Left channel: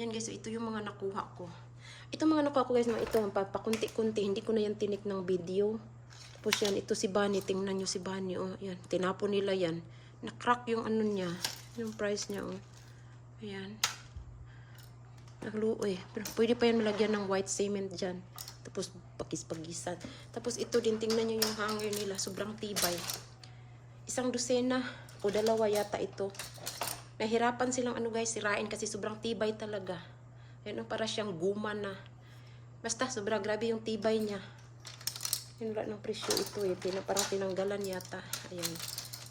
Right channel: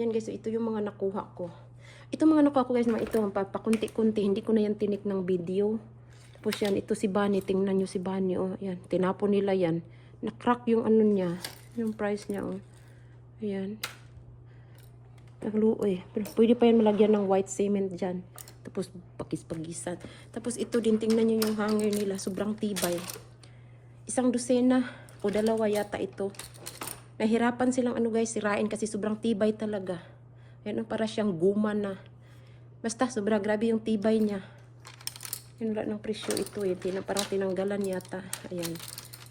Yan guys, so ito yung mga nakuha ko. Ito mga nakuha ko guys, mga ito ang papakunti-kunti. Hindi ko na yan tinik ng video. Tapos yan, ito si Bunny. Tingnan nyo si Bunny. Oh, yan. Tinapon nila yan. Na-crack yung ano niya. Yung price niya. Oh. Yan. Nagluoy. Pero pwede pa yan malagyan ng white cement dyan. Tapos pagis-pagisan. Tapos ito din, tingnan nyo yung hanger nila. Sobrang tibay. Isang dosena o dalawa yata ito. Nahirapan silang ano guys, sirain kasi sobrang tibay talaga. Yan para siyang guma na. Basta sobra grabe yung tibay niya. Yun wala ng presyo ito eh. Tina, parang tinanggalan yata. Ayan.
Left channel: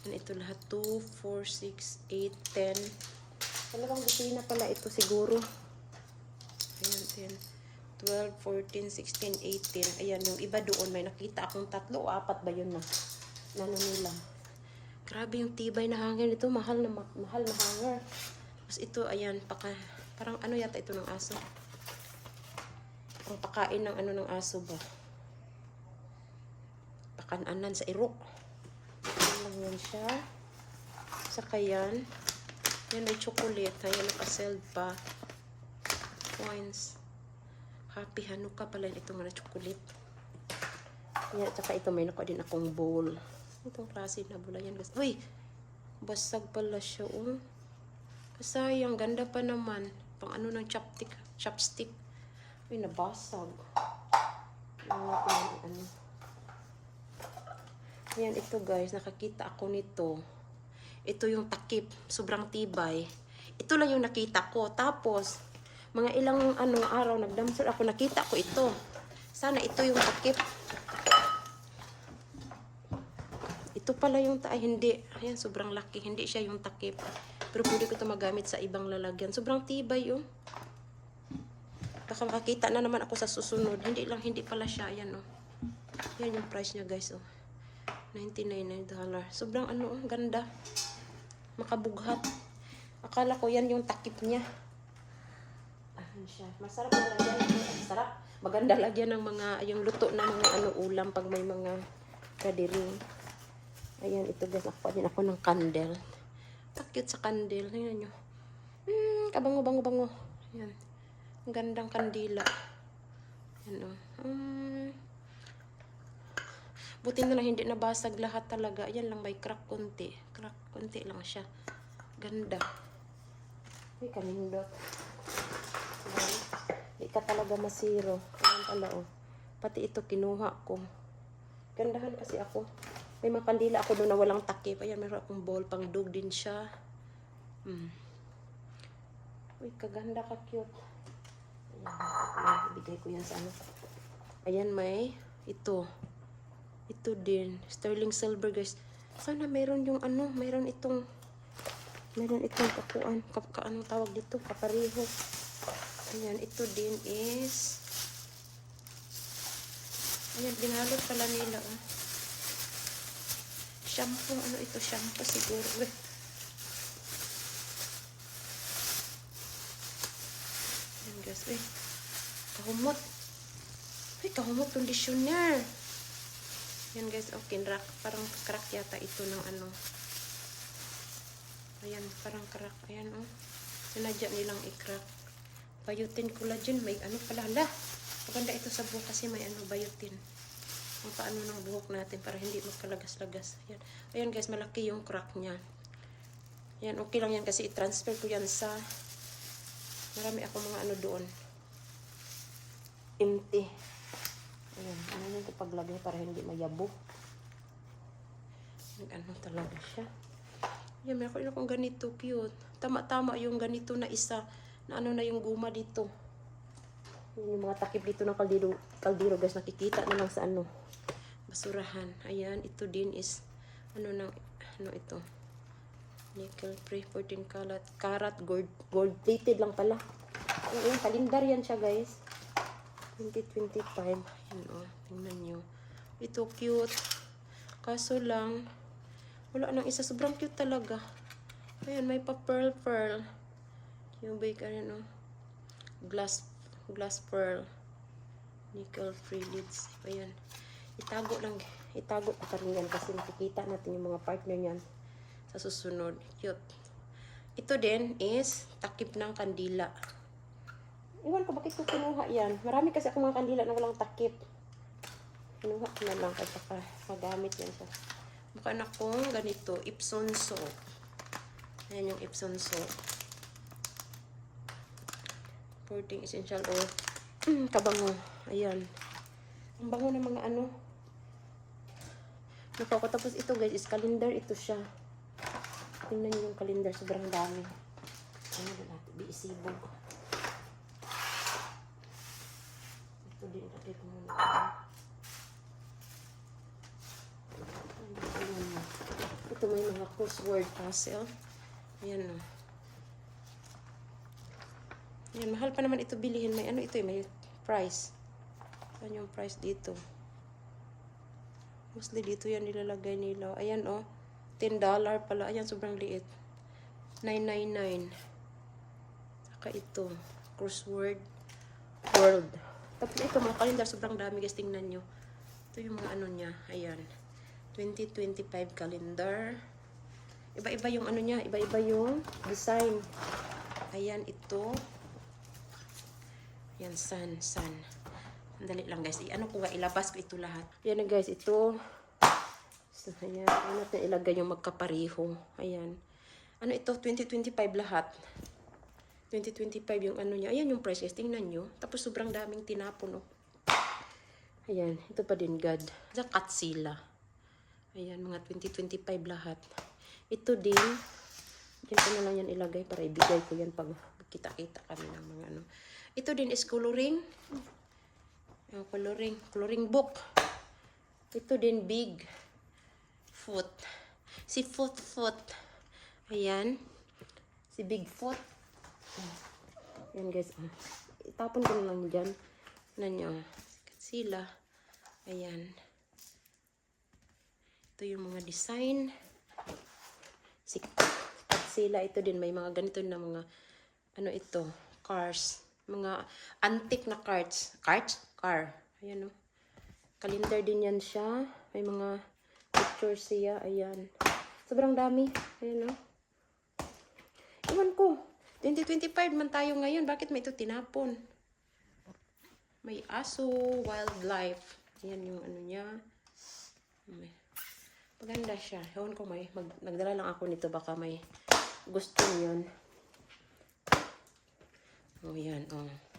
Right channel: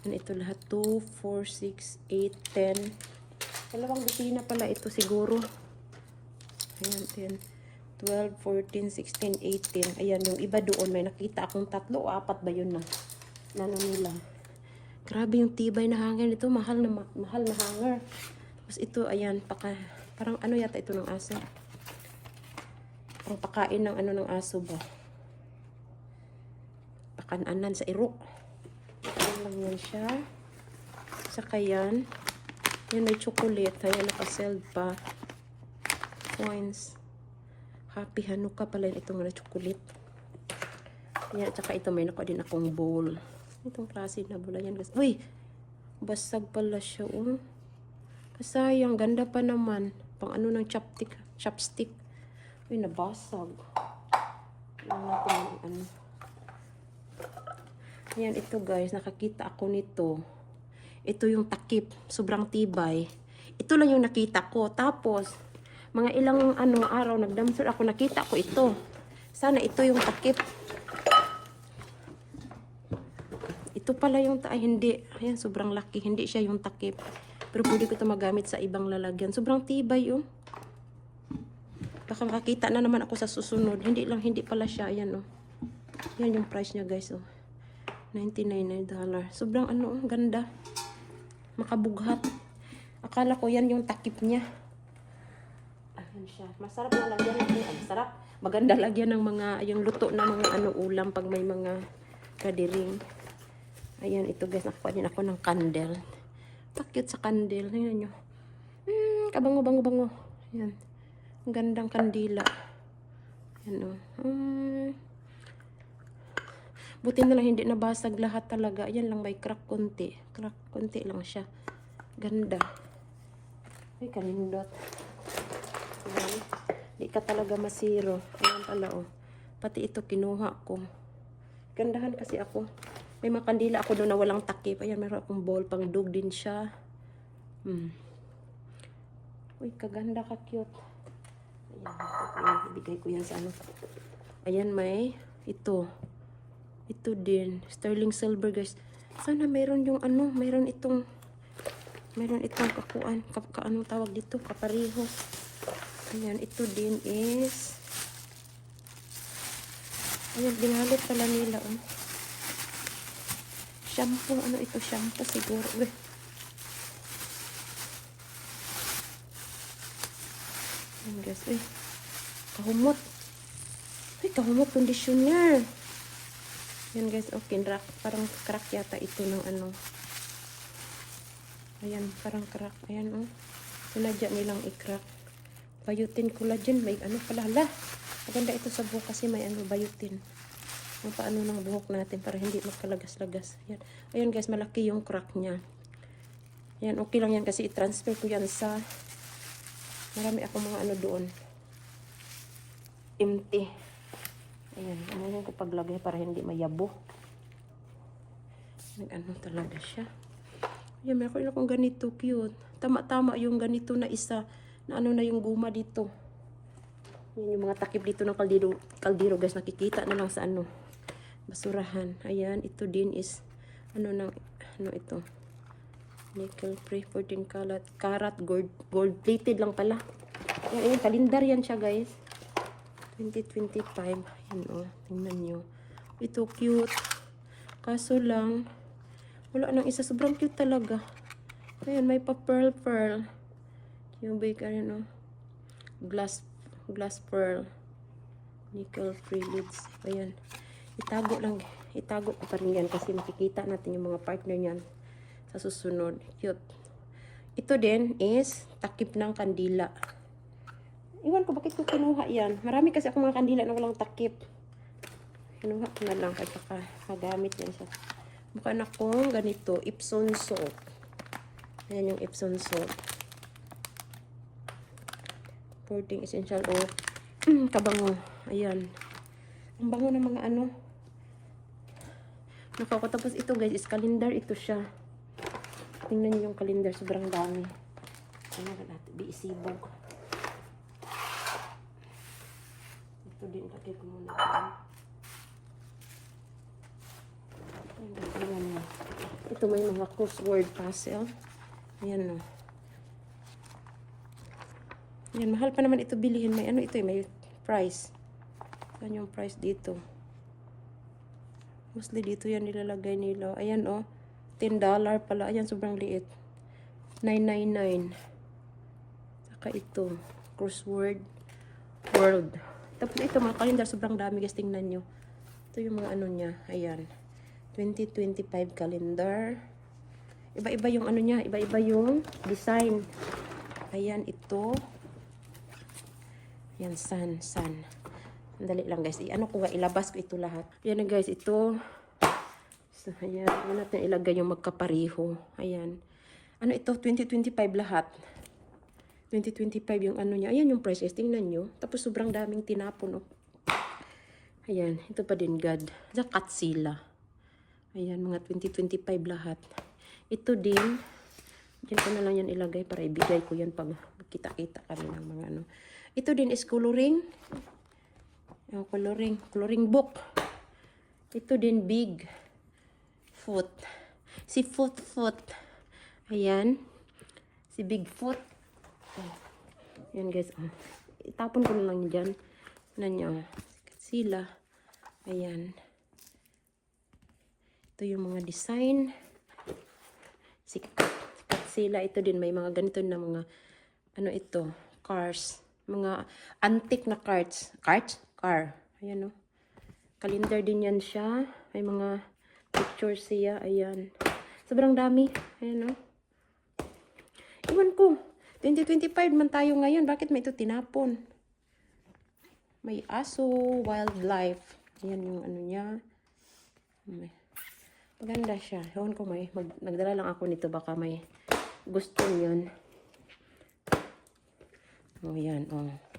Yan ito lahat. 2, 4, 6, 8, 10. Dalawang dosina pala ito siguro. Ayan, 10, 12, 14, 16, 18. Ayan, yung iba doon. May nakita akong tatlo o apat ba yun na? Lalo nila. Grabe yung tibay na hanger nito. Mahal na ma- mahal na hanger. Tapos ito, ayan, paka, parang ano yata ito ng aso. Parang pakain ng ano ng aso ba. Pakananan sa irok. Ayan lang siya. Saka yan. Yan may chocolate. Kaya nakasell pa. Coins. Happy Hanukkah pala ito nga na chocolate. Yan, saka ito may nakuha din akong bowl. Itong klase na bowl yan. Uy! Basag pala siya. Oh. Sayang, ganda pa naman. Pang ano ng chopstick. Chopstick. Uy, nabasag. Yung ano. Yan, ito guys. Nakakita ako nito. Ito yung takip. Sobrang tibay. Ito lang yung nakita ko. Tapos, mga ilang ano araw nagdamsal ako nakita ko ito. Sana ito yung takip. Ito pala yung ta- ay hindi. Ayan, sobrang laki. Hindi siya yung takip. Pero pwede ko ito magamit sa ibang lalagyan. Sobrang tibay yun. Baka makita na naman ako sa susunod. Hindi lang, hindi pala siya. Ayan, oh. Ayan yung price niya, guys, oh. 99 dollar. Sobrang ano, oh, ganda. Makabughat. Akala ko yan yung takip niya. Ayan siya. Masarap na lagyan ng ay, sarap. Maganda lagyan ng mga, yung luto na mga ano, ulam pag may mga kadiring. Ayan, ito guys, nakuha din ako ng candle. Ito cute sa candle. Tingnan nyo. Hmm, kabango, bango, bango. Ayan. Ang gandang kandila. Ayan o. Hmm. Buti na lang hindi nabasag lahat talaga. Ayan lang may crack konti. Crack konti lang siya. Ganda. Ay, kanindot. Ayan. Di ka talaga masiro. Ayan pala o. Pati ito kinuha ko. Gandahan kasi ako. May mga kandila ako doon na walang takip. Ayan, meron akong bowl. Pang dog din siya. Hmm. Uy, kaganda ka cute. Ayan, ibigay ko yan sa ano. Ayan, may ito. Ito din. Sterling silver, guys. Sana meron yung ano, meron itong meron itong kakuan. Ka, anong tawag dito? Kapariho. Ayan, ito din is Ayan, binalot pala nila. Oh. Shampoo, ano ito? Shampoo siguro. Uy. Ayan guys, uy. Kahumot. Uy, kahumot conditioner. Ayan guys, okay. Crack, parang crack yata ito ng ano. Ayan, parang crack. Ayan, oh. Sinadya nilang i-crack. Bayutin collagen. May ano pala. Hala. Maganda ito sa buhok kasi may ano, bayutin. Ang paano ng buhok natin para hindi magkalagas-lagas. Ayan. Ayun guys, malaki yung crack niya. Ayan, okay lang yan kasi i-transfer ko yan sa marami ako mga ano doon. Empty. Ayan, ano ko paglagay para hindi mayabo. Nag-ano talaga siya. Ayan, meron akong ganito cute. Tama-tama yung ganito na isa na ano na yung guma dito. Yan yung mga takip dito ng kaldero, kaldero guys. Nakikita naman sa ano. Basurahan. Ayan. Ito din is ano ng ano ito. Nickel free 14 karat. Karat gold, gold plated lang pala. Oh, ayun. Kalendar yan siya guys. 2025. Ayan o. Oh, tingnan nyo. Ito cute. Kaso lang wala nang isa. Sobrang cute talaga. Ayan. May pa pearl pearl. Yung bake ano. Glass glass pearl nickel free lids ayan itago lang itago pa rin yan kasi makikita natin yung mga partner niyan sa susunod cute ito din is takip ng kandila Iwan ko bakit ko kinuha yan. Marami kasi akong mga kandila na walang takip. Kinuha ko na lang kasi pa magamit yan siya. Mukha na kong ganito, Epsom salt. Ayan yung Epsom salt. Porting essential oil. Kabango. Ayan. Ang bango ng mga ano. Nakakatapos ito guys, is calendar ito siya. Tingnan niyo yung calendar, sobrang dami. Ano ba natin? Biisibog. Ito din, ko muna. Ayan. Ito may mga crossword puzzle. Ayan o. Ayan, mahal pa naman ito bilihin. May ano ito eh, may price. Saan yung price dito? Mostly dito yan nilalagay nila. Ayan o. $10 pala. Ayan, sobrang liit. 999. Saka ito. Crossword world. Tapos ito, mga calendar. Sobrang dami. Guys, tingnan nyo. Ito yung mga ano niya. Ayan. 2025 calendar. Iba-iba yung ano niya. Iba-iba yung design. Ayan, ito. Ayan, sun, sun. Sandali lang guys. I- ano ko nga, ilabas ko ito lahat. Ayan na guys, ito. So, ayan. Ano natin ilagay yung magkapariho. Ayan. Ano ito? 2025 lahat. 2025 yung ano niya. Ayan yung price guys. Tingnan nyo. Tapos sobrang daming tinapon. Oh. Ayan. Ito pa din God. Sa Katsila. Ayan. Mga 2025 lahat. Ito din. Ko na lang yan ilagay para ibigay ko yan pag kita-kita kami ng mga ano. Ito din is coloring. Oh, coloring. Coloring book. Ito din big foot. Si foot foot. Ayan. Si Bigfoot. Oh. Ayan guys. Oh. Itapon ko lang dyan. Na niya. Sila. Ayan. Ito yung mga design. Si sila ito din may mga ganito na mga ano ito cars mga antique na cards cards car ayan oh calendar din yan siya may mga pictures siya ayan sobrang dami ayan oh iwan ko 2025 man tayo ngayon bakit may ito tinapon may aso wildlife ayan yung ano niya may Maganda siya. Ewan ko may. Mag, nagdala lang ako nito. Baka may gusto yun. Oh, yan. Oh.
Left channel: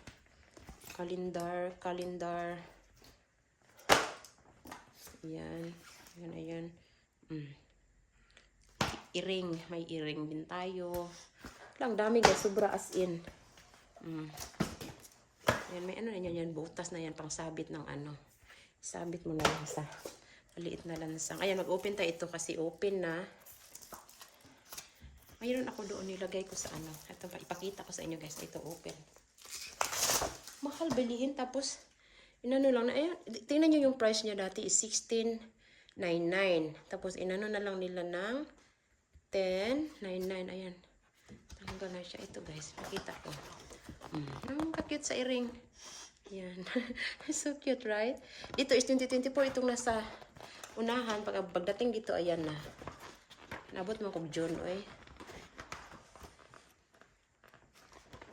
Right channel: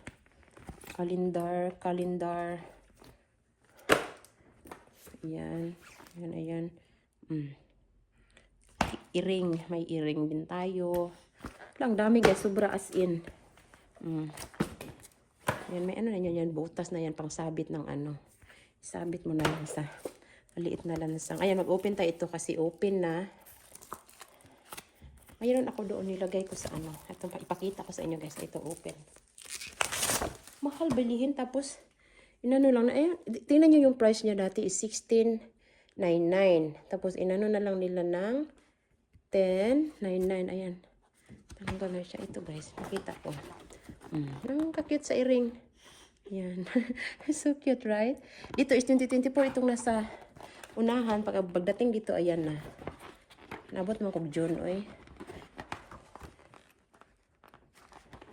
Kalendar. Kalendar. Yan. Yan, ayan. Mm. Iring. May iring din tayo. Lang dami guys. Sobra as in. Mm. Yan, may ano na yan, yan. Butas na yan. Pang sabit ng ano. Sabit mo na lang sa maliit na lansang. Ayan, mag-open tayo ito kasi open na. Mayroon ako doon nilagay ko sa ano. Ito, ipakita ko sa inyo guys. Ito open. Mahal bilihin. Tapos, inano lang na. Ayan, tingnan nyo yung price niya dati is 16.99. Tapos, inano na lang nila ng 10.99. Ayan. Tanggal na siya. Ito guys. Pakita ko. Mm. Oh, kakute sa earring. Yan. so cute, right? Dito is 2024. Itong nasa unahan. Pag pagdating dito, ayan na. Nabot mo kog June, oy.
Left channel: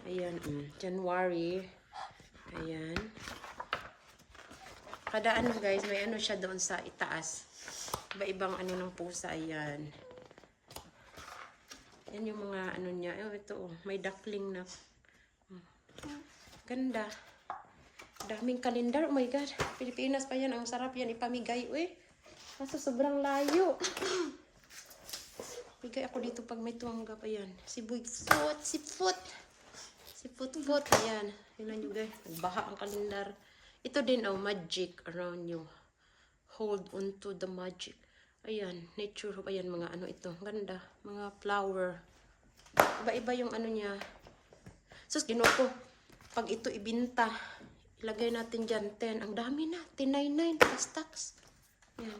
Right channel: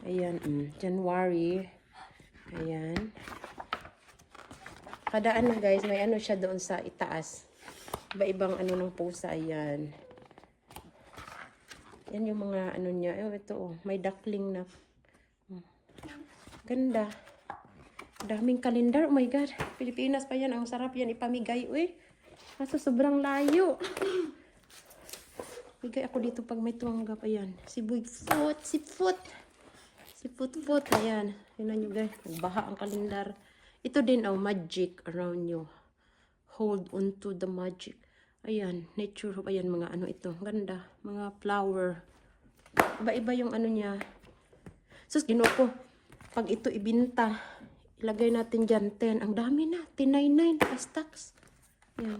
Ayan, mm, January. Ayan. Kada ano guys, may ano siya doon sa itaas. Iba-ibang ano ng pusa, ayan. Yan yung mga ano niya. Oh, ito oh, may duckling na. Oh. Ganda. Daming kalendar. Oh my God. Pilipinas pa yan. Ang sarap yan ipamigay. Uy. Kaso sobrang layo. Bigay ako dito pag may tuwangga pa yan. Si Bigfoot. Si Foot. Si Foot. Ayan. Yun nyo guys. Baha ang kalendar. Ito din oh, magic around you. Hold on to the magic. Ayan. Nature. Ayan mga ano ito. Ganda. Mga flower. Iba-iba yung ano niya. Sus, ginawa ko. Pag ito ibinta, ilagay natin dyan 10. Ang dami na. 1099 plus tax. Yan.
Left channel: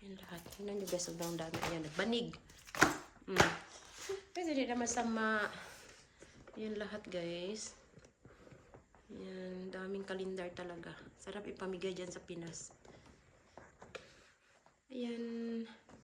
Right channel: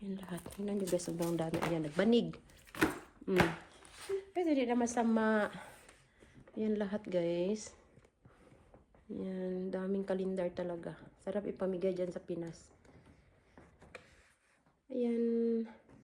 Yan lahat. Tingnan nyo guys, sobrang dami. Ayan, nagbanig. Mm. Kasi hindi naman sama. Yan lahat guys. Yan, daming kalendar talaga. Sarap ipamigay dyan sa Pinas. Ayan.